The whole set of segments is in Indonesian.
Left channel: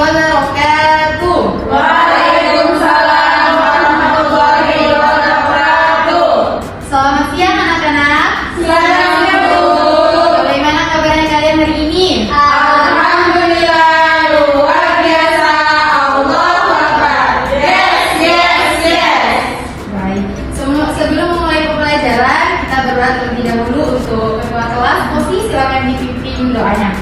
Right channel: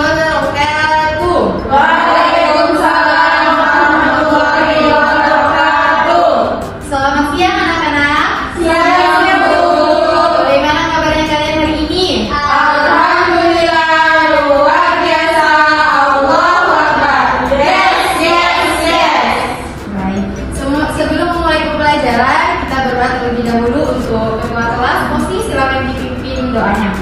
wabarakatuh. Waalaikumsalam warahmatullahi wabarakatuh. Selamat siang anak-anak. Siang, Bu. Bagaimana kabarnya kalian hari ini? Alhamdulillah, luar biasa. Allahu Akbar. Yes. Baik. Sebelum memulai pembelajaran, kita berdoa terlebih dahulu untuk ketua kelas. Mosi, silakan dipimpin doanya.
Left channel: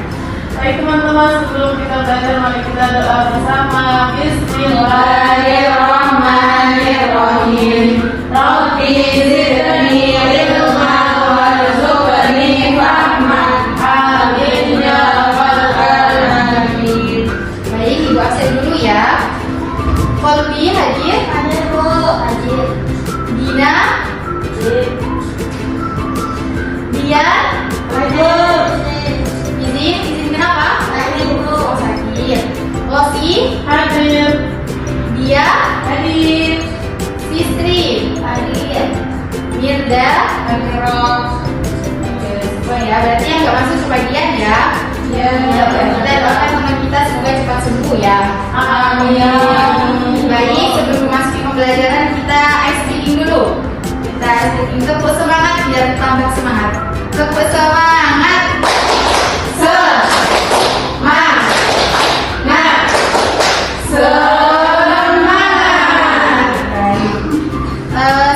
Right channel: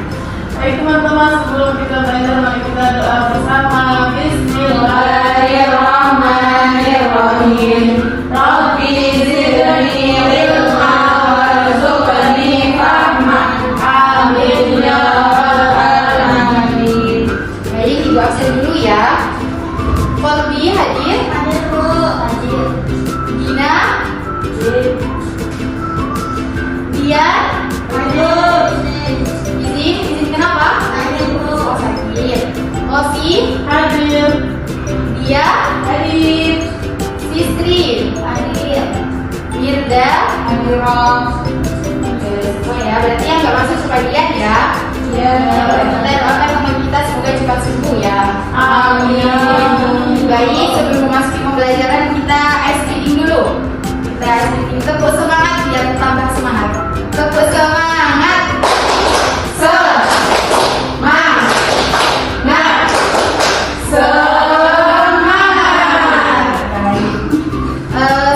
Baik teman-teman, sebelum kita belajar, mari kita doa bersama. Bismillahirrahmanirrahim. Rabbi zidni ilma warzuqni fahman. Amin ya rabbal alamin. Baik, Ibu absen dulu ya. Kolbi hadir. Hadir Bu, hadir. Dina. Dian. Hadir. Izin kenapa? Hadir Bu. Oh, sakit. Lofi. Hadir. Dia. Hadir. Fitri. Hadir. Mirda. Hadir. Oke, semua ya. Berarti yang nggak masuk sebagian ya. Ya. Kita doakan sama kita semoga cepat sembuh ya. Amin. Baik, sebelum memasuki pembelajaran kita ice breathing dulu. Kita ice breathing, tepuk semangat biar tambah semangat. Tepuk semangat.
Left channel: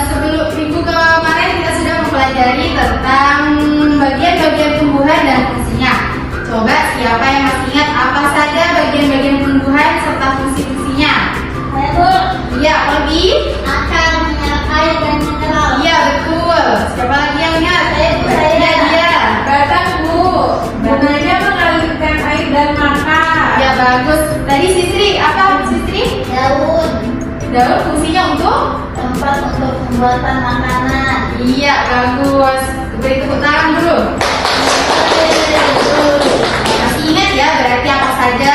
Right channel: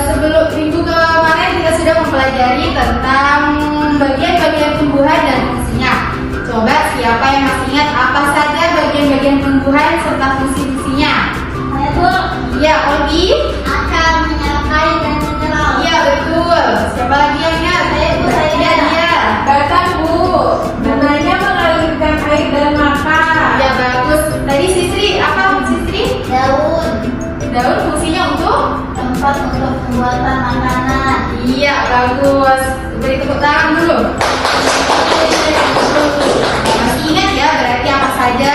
Sebelum minggu kemarin kita sudah mempelajari tentang bagian-bagian tumbuhan dan fungsinya. Coba siapa yang masih ingat apa saja bagian-bagian tumbuhan serta fungsi-fungsinya? Saya Bu, Iya, Olgi. akan menyertai dan mineral. Iya, betul. Siapa lagi yang ingat? Saya, Bu, saya. Iya, dia. Batang Bu, gunanya mengalirkan air dan makan. Ya, bagus. Tadi Sisri, apa Sisri? Daun, Daun fungsinya untuk? tempat untuk pembuatan makanan. Iya, bagus. Beri tepuk tangan dulu. Masih ingat ya berarti apa saja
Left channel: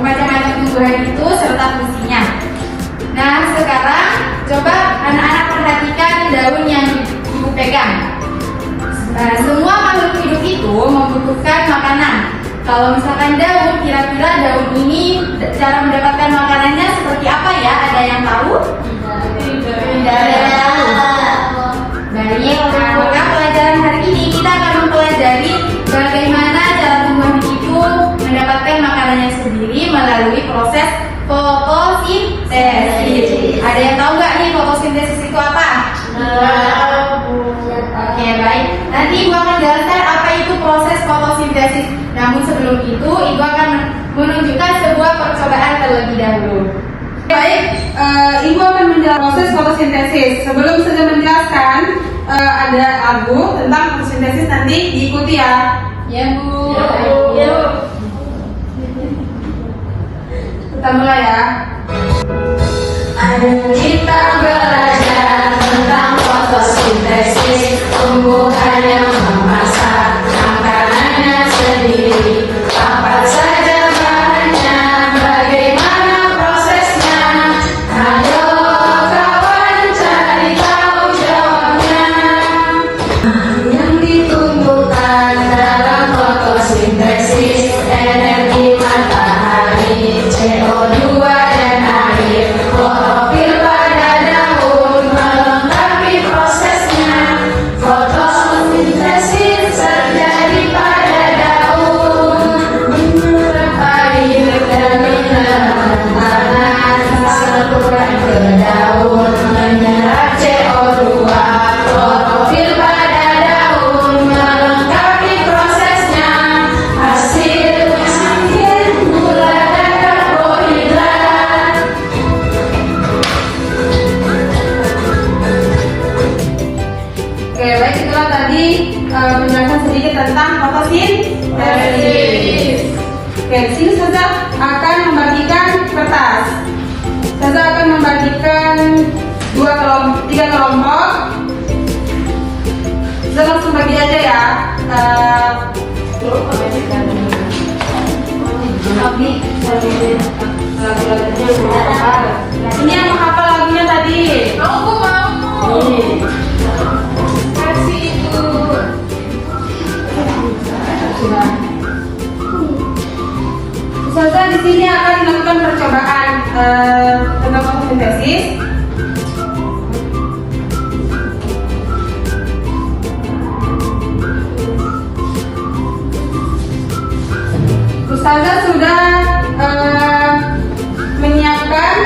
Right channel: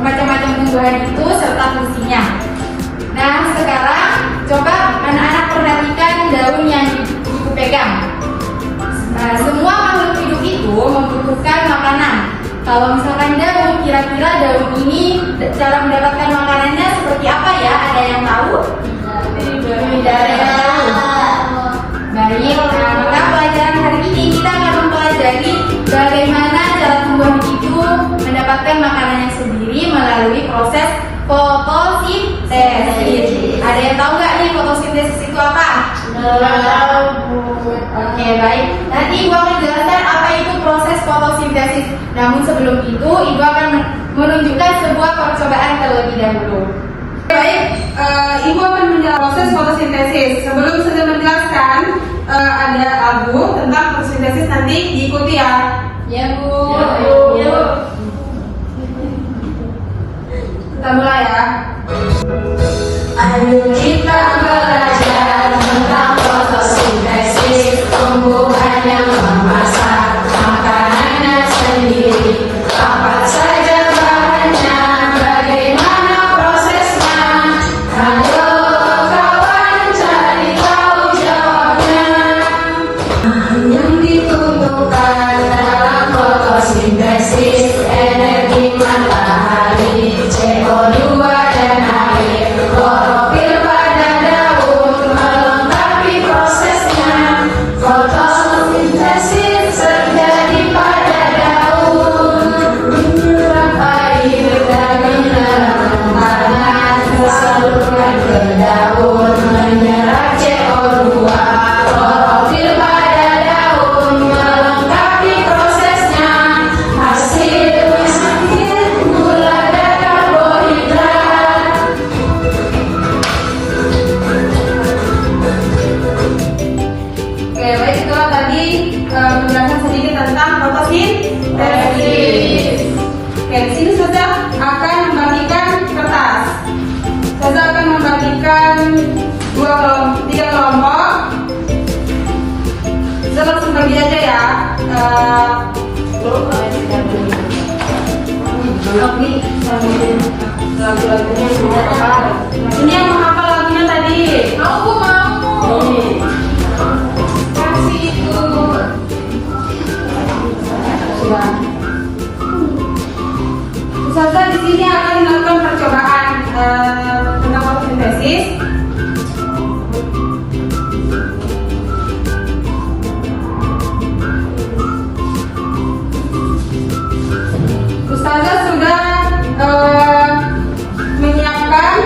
macam-macam tumbuhan itu serta fungsinya. Nah, sekarang coba anak-anak perhatikan daun yang ibu pegang. Nah, semua makhluk hidup itu membutuhkan makanan. Kalau misalkan daun, kira-kira daun ini cara mendapatkan makanannya seperti apa ya? Ada yang tahu? Tidak ada yang tahu. Baik, nah maka pelajaran hari ini kita akan mempelajari bagaimana cara tumbuhan itu mendapatkan makanannya sendiri melalui proses fotosintesis. Ada yang tahu nggak nih fotosintesis itu apa? Oke, baik. Nanti Ibu akan jelaskan apa itu proses fotosintesis. Namun sebelum itu, Ibu akan menunjukkan sebuah percobaan terlebih dahulu. Baik, Ibu akan menjelaskan proses fotosintesis. Sebelum saya menjelaskan, ada lagu tentang fotosintesis, nanti diikuti ya. Ya, Bu. Ya, Bu. Kita mulai ya. Ayo kita belajar tentang fotosintesis, tumbuhan yang memasak makanannya sendiri. Apa saja bahannya, bagaimana prosesnya? Ayo kawan cari tahu jawabnya. Yang ditumbuhkan dalam fotosintesis, energi matahari, CO2 dan air. Klorofil pada daun melengkapi prosesnya. Fotosintesis terjadi pada daun, menyerap air dari dalam tanah, tersalurkan ke daun, menyerap CO2. Klorofil pada daun melengkapi prosesnya. Hasilnya gula dan karbohidrat. Oke, baik, itulah tadi penjelasan sedikit tentang fotosintesis. Oke, di sini Ustazah akan membagikan kertas. Ustazah akan membagikan tiga kelompok. Kita langsung bagi aja ya. Ini yang menghafal lagunya tadi. Aku mau. Kasih itu. Sudah. Ustazah di sini akan melakukan percobaan tentang fotosintesis. Ustazah sudah menyiapkan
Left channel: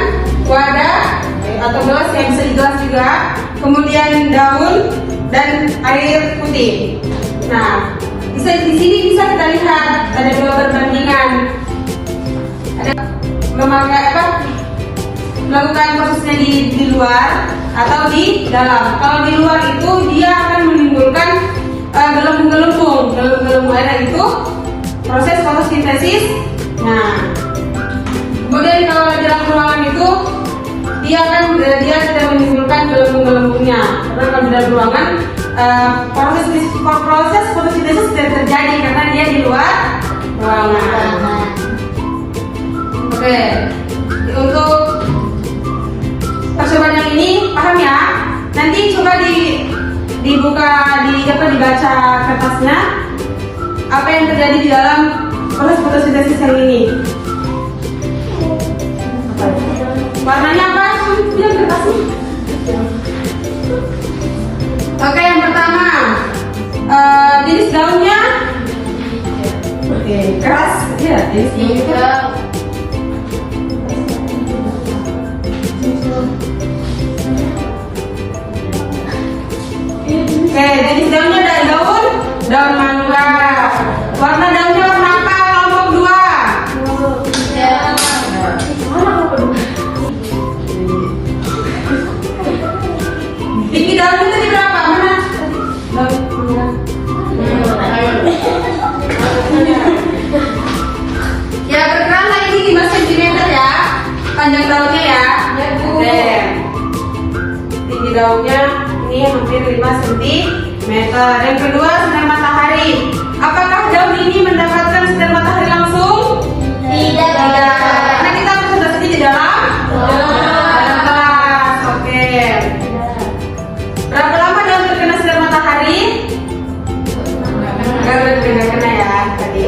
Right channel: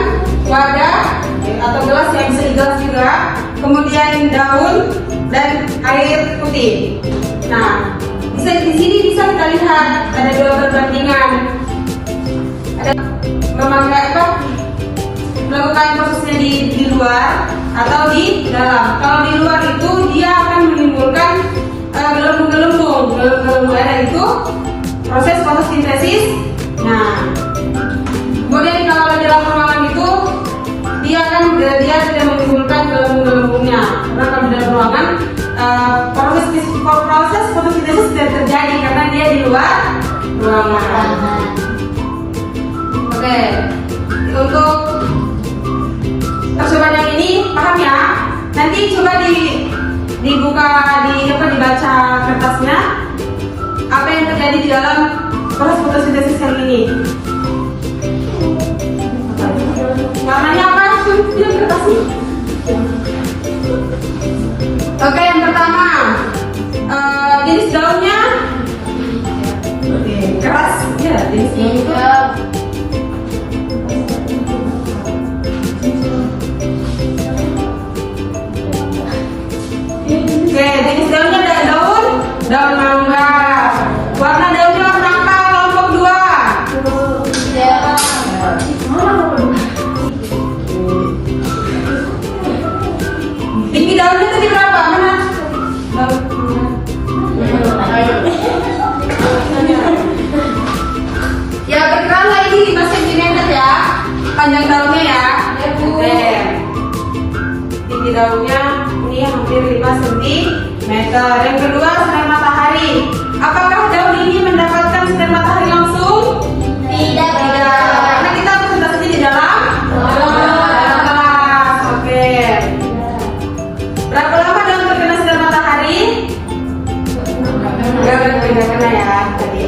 wadah atau gelas yang bisa digelas juga, kemudian daun dan air putih. Nah, di sini bisa kita lihat ada dua perbandingan. Ada melakukan prosesnya di luar atau di dalam. Kalau di luar itu dia akan menimbulkan gelembung-gelembung air, itu proses fotosintesis. Nah, kemudian kalau di dalam ruangan itu dia tidak menimbulkan gelembung-gelembungnya. Karena kalau di dalam ruangan proses fotosintesis tidak terjadi karena dia di luar ruangan. Oke, untuk percobaan yang ini paham ya? Nanti coba dibuka dibaca kertasnya apa yang terjadi di dalam proses fotosintesis yang ini. Warnanya apa? Lihat kertasnya. Oke, yang pertama jenis daunnya keras, ya jenis daunnya. Oke, jenis daunnya ada daun mangga. Warna daunnya warna apa? Kelompok 2. Tinggi daunnya tadi berapa? Mana? Ya, berkala ini 5 cm ya. Panjang daunnya ya. Oke. Tinggi daunnya ini hampir 5 cm. Yang kedua, sinar matahari. Apakah daun ini mendapatkan sinar matahari langsung? Tidak. Karena kita konsentrasi di dalam kelas. Oke. Berapa lama daun terkena sinar matahari? Enggak kena ya tadi.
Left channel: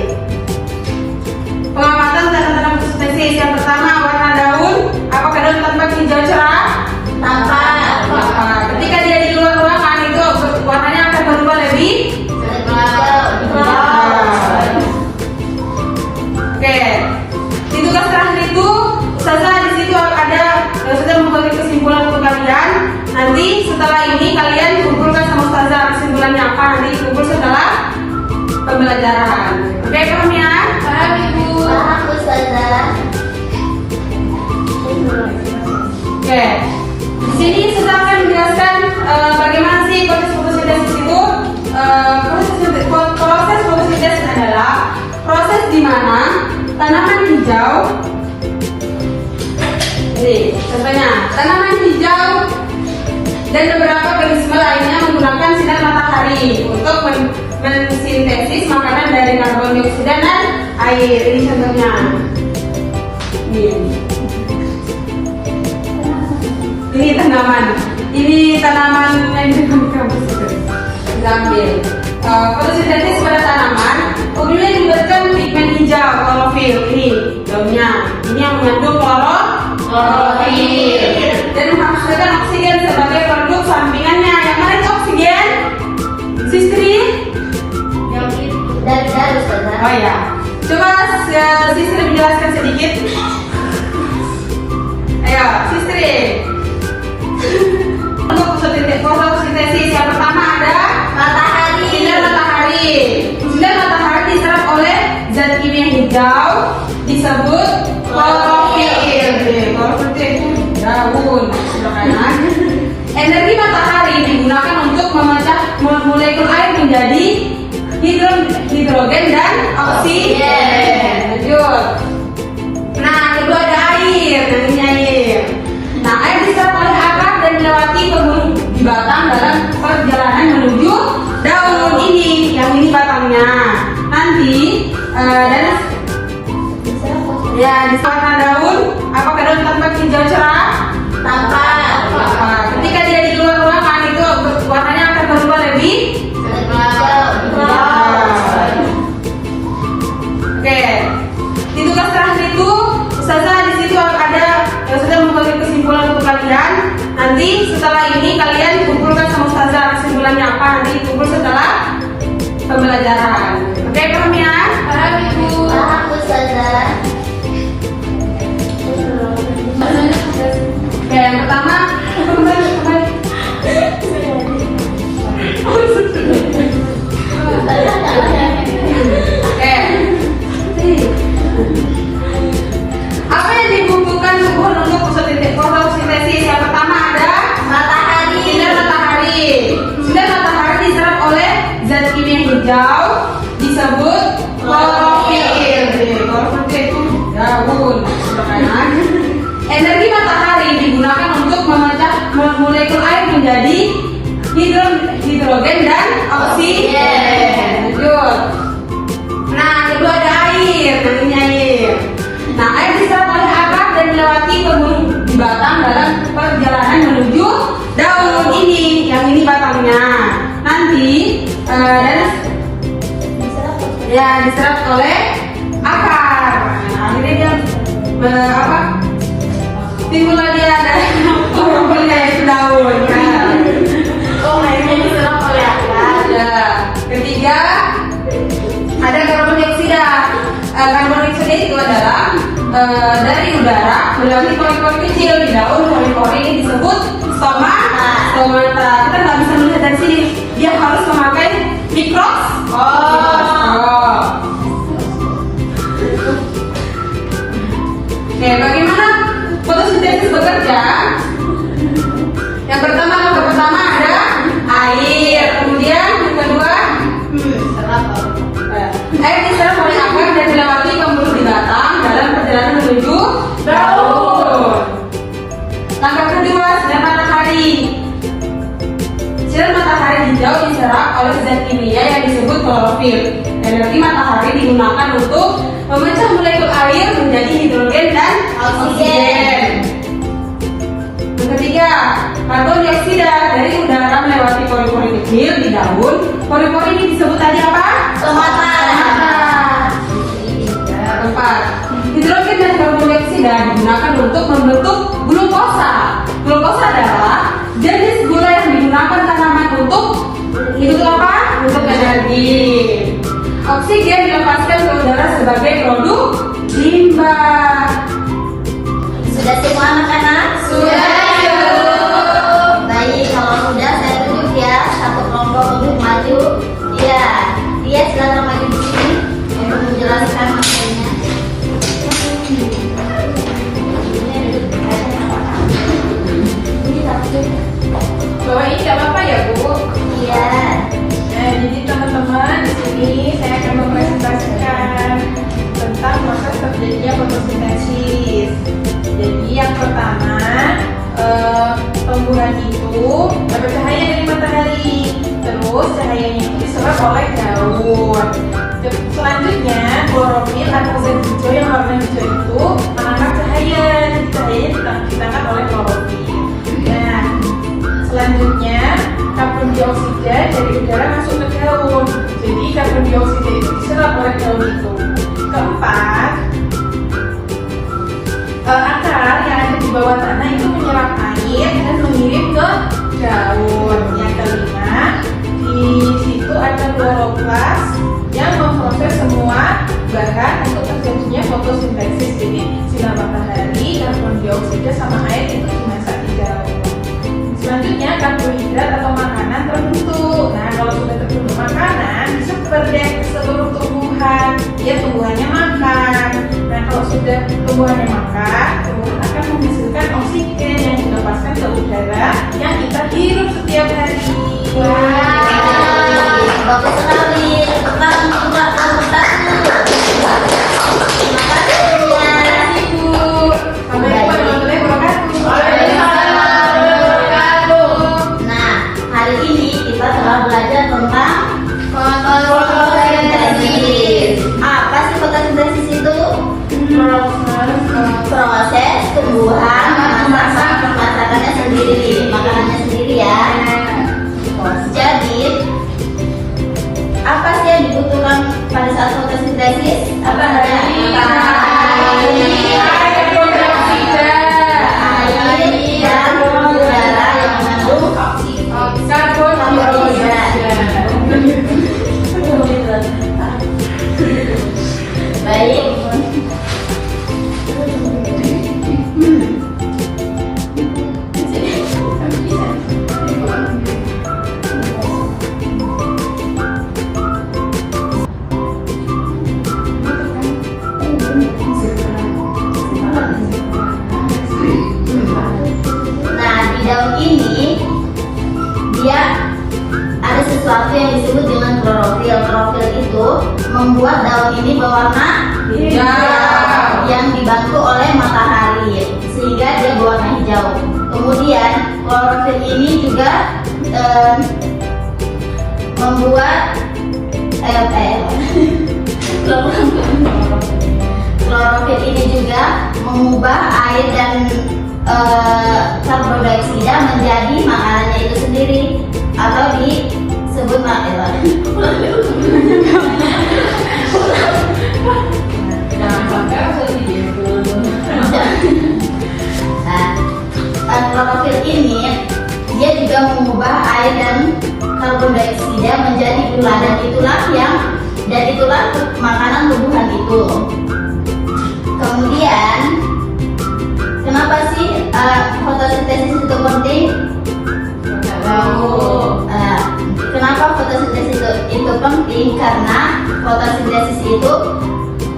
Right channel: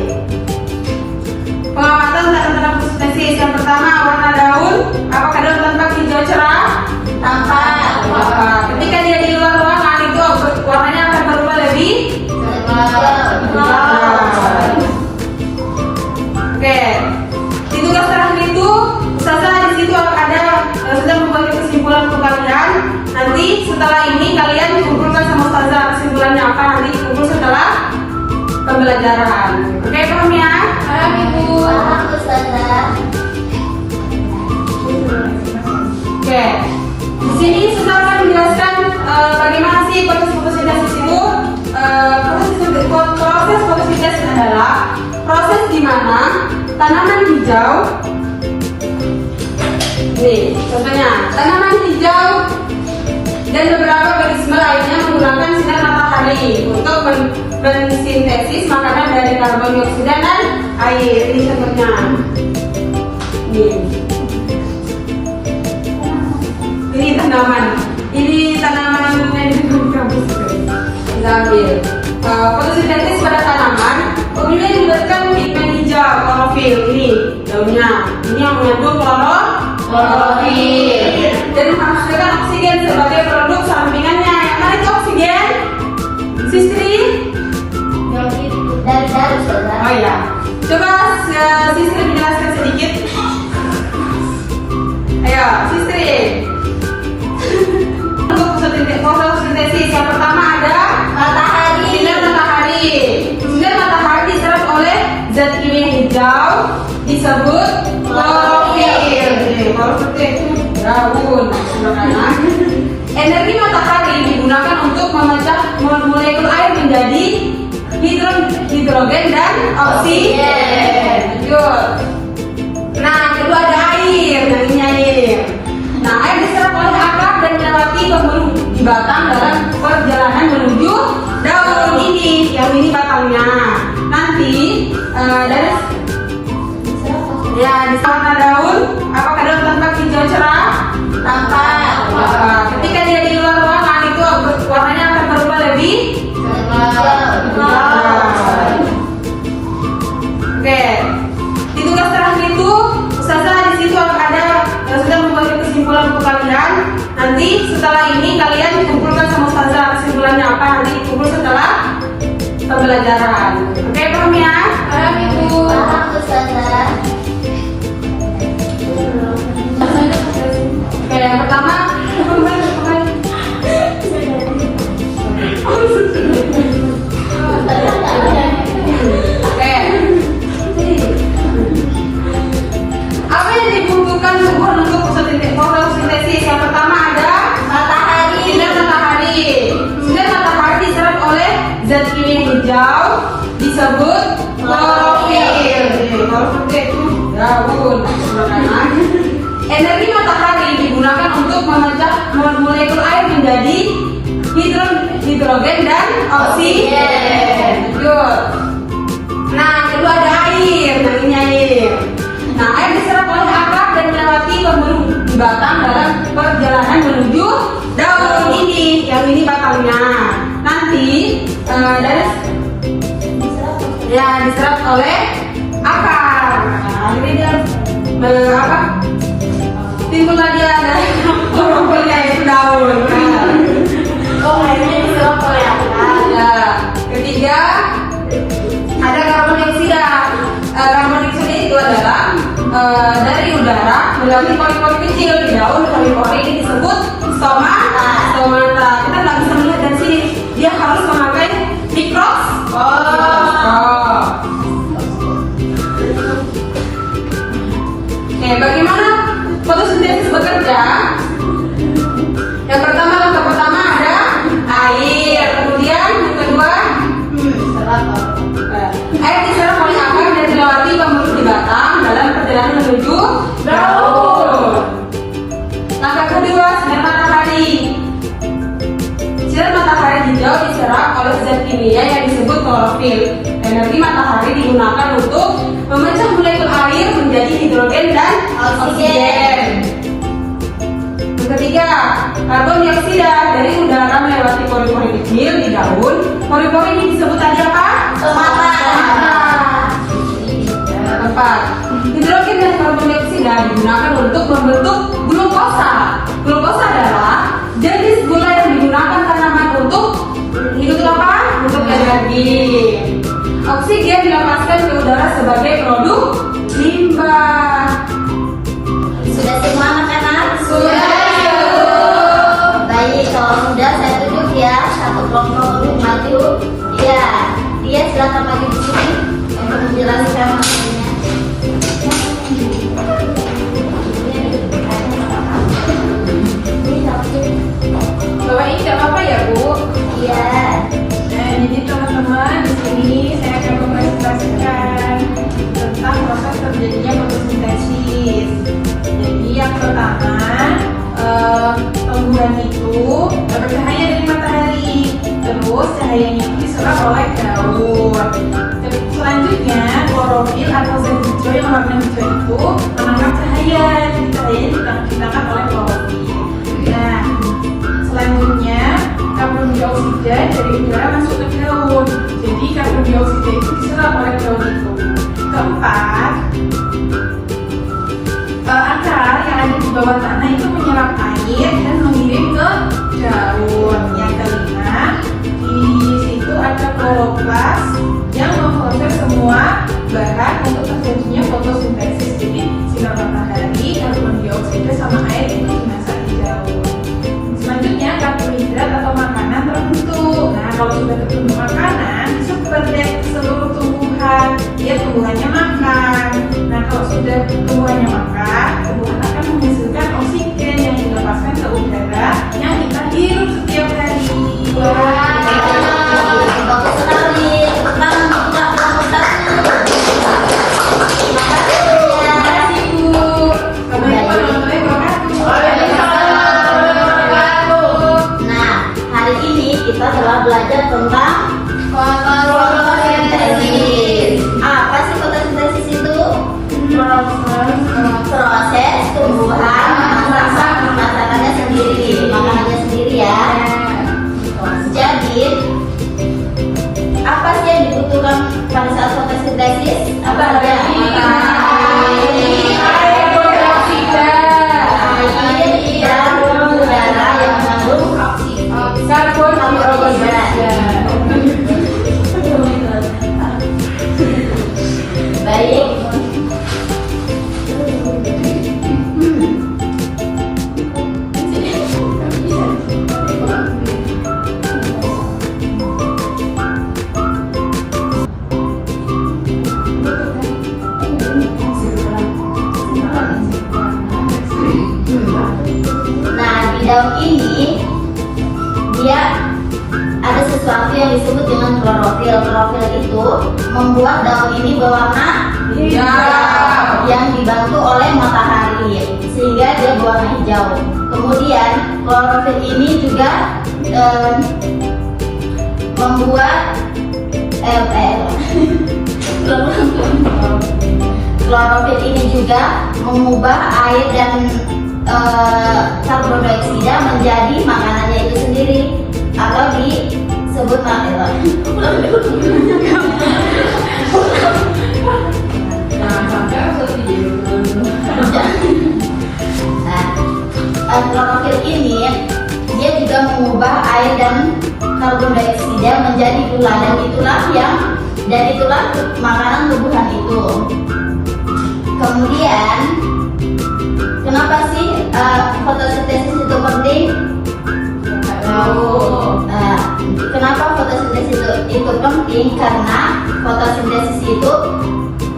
Pengamatan tentang fotosintesis. Yang pertama, warna daun. Apakah daun tampak hijau cerah? Tampak. Ketika dia di luar ruangan itu warnanya akan berubah lebih Oke, di tugas terakhir itu Ustazah di situ ada sudah membagi kesimpulan untuk kalian. Nanti setelah ini kalian kumpulkan sama Ustazah kesimpulannya apa, nanti kumpul setelah pembelajaran. Oke, paham ya? Paham Ibu. Paham Ustazah. Oke, di sini Ustazah akan menjelaskan bagaimana sih proses fotosintesis itu. Proses fotosintesis adalah proses di mana tanaman hijau, nih contohnya tanaman hijau dan beberapa organisme lainnya menggunakan sinar matahari untuk mensintesis makanan dari karbon dioksida dan air. Ini contohnya. Ini tanaman yang diambil. Fotosintesis pada tanaman umumnya melibatkan pigmen hijau klorofil. Ini daunnya, ini yang mengandung klorofil dan menghasilkan oksigen sebagai produk sampingannya. Yang mana itu oksigen? Sistri? Yang itu dari Ustazah. Oh ya, coba Sistri menjelaskan sedikit. Ayo, Sistri. Untuk fotosintesis yang pertama ada Matahari. sinar matahari. Sinar matahari diserap oleh zat kimia hijau disebut klorofil. Klorofil itu daun. Energi matahari digunakan untuk memecah molekul air menjadi hidrogen dan oksigen. Lanjut. Nah, kedua ada air, namanya air. Nah, air diserap oleh akar dan melewati pembuluh di batang dalam perjalanan menuju daun ini. Yang ini batangnya. Nanti dari di warna daun, apakah daun tampak hijau cerah? Tampak. Ketika dia di luar ruangan itu warnanya akan berubah lebih Oke, di tugas terakhir Nanti setelah ini kalian kumpulkan sama ustazah kesimpulannya apa, nanti kumpul setelah pembelajaran. Oke, paham ya? Paham Ibu. Paham Ustazah. Oke, yang pertama Oke. Apa yang dibutuhkan tumbuh untuk fotosintesis? Yang pertama ada Matahari. sinar matahari. Sinar matahari diserap oleh zat kimia hijau disebut klorofil. Klorofil itu daun. Energi matahari digunakan untuk memecah molekul air menjadi hidrogen dan oksigen. Lanjut. Nah, kedua ada air, nantinya air. Nah, air diserap oleh akar dan melewati pembuluh di batang dalam perjalanan menuju daun ini. Yang ini batangnya. Nanti dari ya diserap oleh akar. Nah, ini dia timbul lagi ada klorofilnya itu daun. Oh, airnya diserap oleh akar. Ada. Ketiga ada karbon dioksida. Karbon dioksida itu adalah dari udara melalui pori-pori kecil di daun. Pori-pori ini disebut stomata. Kita nggak bisa melihat dari sini. Dia harus memakai mikroskop. Oke, bagaimana fotosintesis bekerja? Yang pertama ada air. Kemudian yang kedua air diserap oleh akar dan dilewati pembuluh di batang dalam perjalanan menuju daun. Langkah kedua, sinar matahari. Sinar matahari hijau diserap oleh zat kimia yang disebut klorofil. Energi matahari digunakan untuk memecah molekul air menjadi hidrogen dan oksigen. Yang ketiga, karbon dioksida dari udara melewati pori-pori kecil di daun. Pori-pori ini disebut tadi apa? Stomata. Keempat, hidrogen dan karbon dioksida digunakan untuk membentuk glukosa. Glukosa adalah jenis gula yang digunakan tanaman untuk apa? Untuk energi. Oksigen dilepaskan ke udara sebagai produk limbah. Sudah semua anak-anak? Sudah. Baik, kalau sudah saya tunjuk ya satu kelompok guru maju. Dia silakan maju di sini untuk menjelaskan materinya. Ini satu. Bawa ini nggak apa-apa ya Bu? Iya. Nah, jadi teman-teman di sini saya akan mempresentasikan tentang proses terjadinya fotosintesis. Jadi yang pertama, tumbuhan itu dapat cahaya dari matahari, terus cahayanya itu diserap oleh daun. Selanjutnya klorofil atau zat hijau yang warna hijau itu menangkap cahaya, cahayanya ditangkap oleh klorofil. Nah, selanjutnya karbon dioksida dari udara masuk ke daun. Jadi karbon dioksida itu diserap oleh daun itu. Keempat, akar yang ada di bawah tanah itu menyerap air dan mengirim ke daun. Yang kelima, di situ ada kloroplas yang memproses semua bahan untuk terjadinya fotosintesis. Jadi sinar matahari, karbon dioksida sama air itu dimasak di daun. Selanjutnya karbohidrat atau makanan terbentuk. Nah, kalau sudah terbentuk makanan, disebar deh ke seluruh tumbuhan. Dia tumbuhannya makan. Nah, kalau sudah tumbuhannya makan, tumbuhan akan menghasilkan oksigen yang dilepaskan ke udara yang kita hirup setiap hari. Bagus sekali. Tangan buka presentasi. Terima kasih ya. Ibu, Assalamualaikum warahmatullahi wabarakatuh. Nah, hari ini kita telah belajar tentang fotosintesis. Apa sih fotosintesis itu? Proses tumbuhan masakannya sendiri, makanannya sendiri ya. Jadi, apa sih yang dibutuhkan pada saat fotosintesis? Apa aja? Air, karbon dioksida, Air dan udara Baik. Nah, di daun ini dia ada sesuatu yang disebut dengan klorofil. Klorofil itu membuat daun ini berwarna hijau yang dibantu oleh matahari sehingga dia berwarna hijau. Kemudian klorofil ini juga membuat klorofil ini juga mengubah air dan karbon dioksida menjadi makanannya itu sendiri atau disebut makanan. Jangan sampai aku Nah, klorofil ini dia juga mengubah air dan karbon dioksida menjadi gula dan itulah makanan tumbuhan itu. Kemudian kenapa sih fotosintesis itu penting? Kenapa fotosintesis itu penting? Karena fotosintesis itu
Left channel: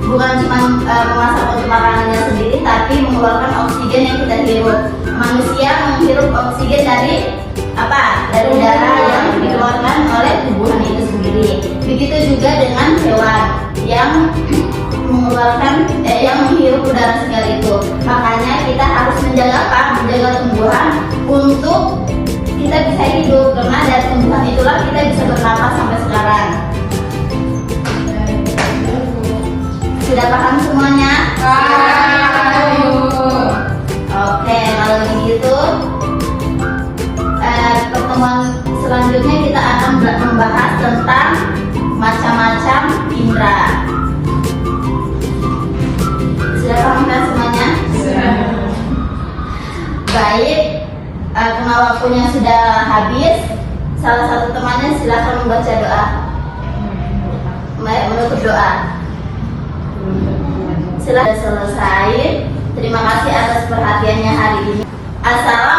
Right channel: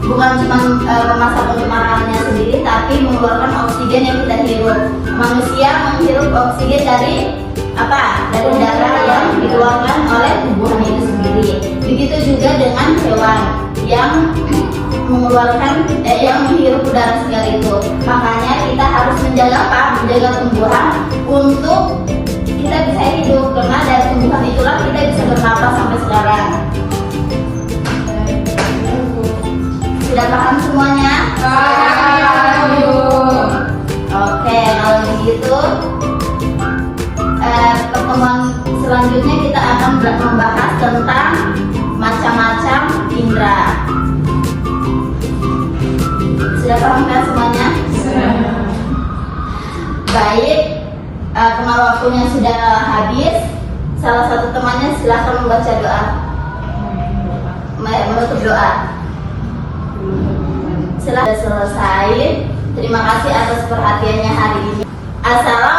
bukan cuma memasak untuk makanannya sendiri, tapi mengeluarkan oksigen yang kita hirup. Manusia menghirup oksigen dari apa? Dari udara yang dikeluarkan oleh tumbuhan itu sendiri. Begitu juga dengan hewan yang mengeluarkan yang menghirup udara segar itu. Makanya kita harus menjaga apa? Menjaga tumbuhan untuk kita bisa hidup, karena dari tumbuhan itulah kita bisa bernapas sampai sekarang. Sudah paham semuanya? Oke, kalau begitu pertemuan selanjutnya kita akan membahas tentang macam-macam indera. Sudah paham kan semuanya? Baik, karena waktunya sudah habis, salah satu temannya silahkan membaca doa. Menutup doa. Sudah selesai. Terima kasih atas perhatiannya hari ini. Assalamualaikum.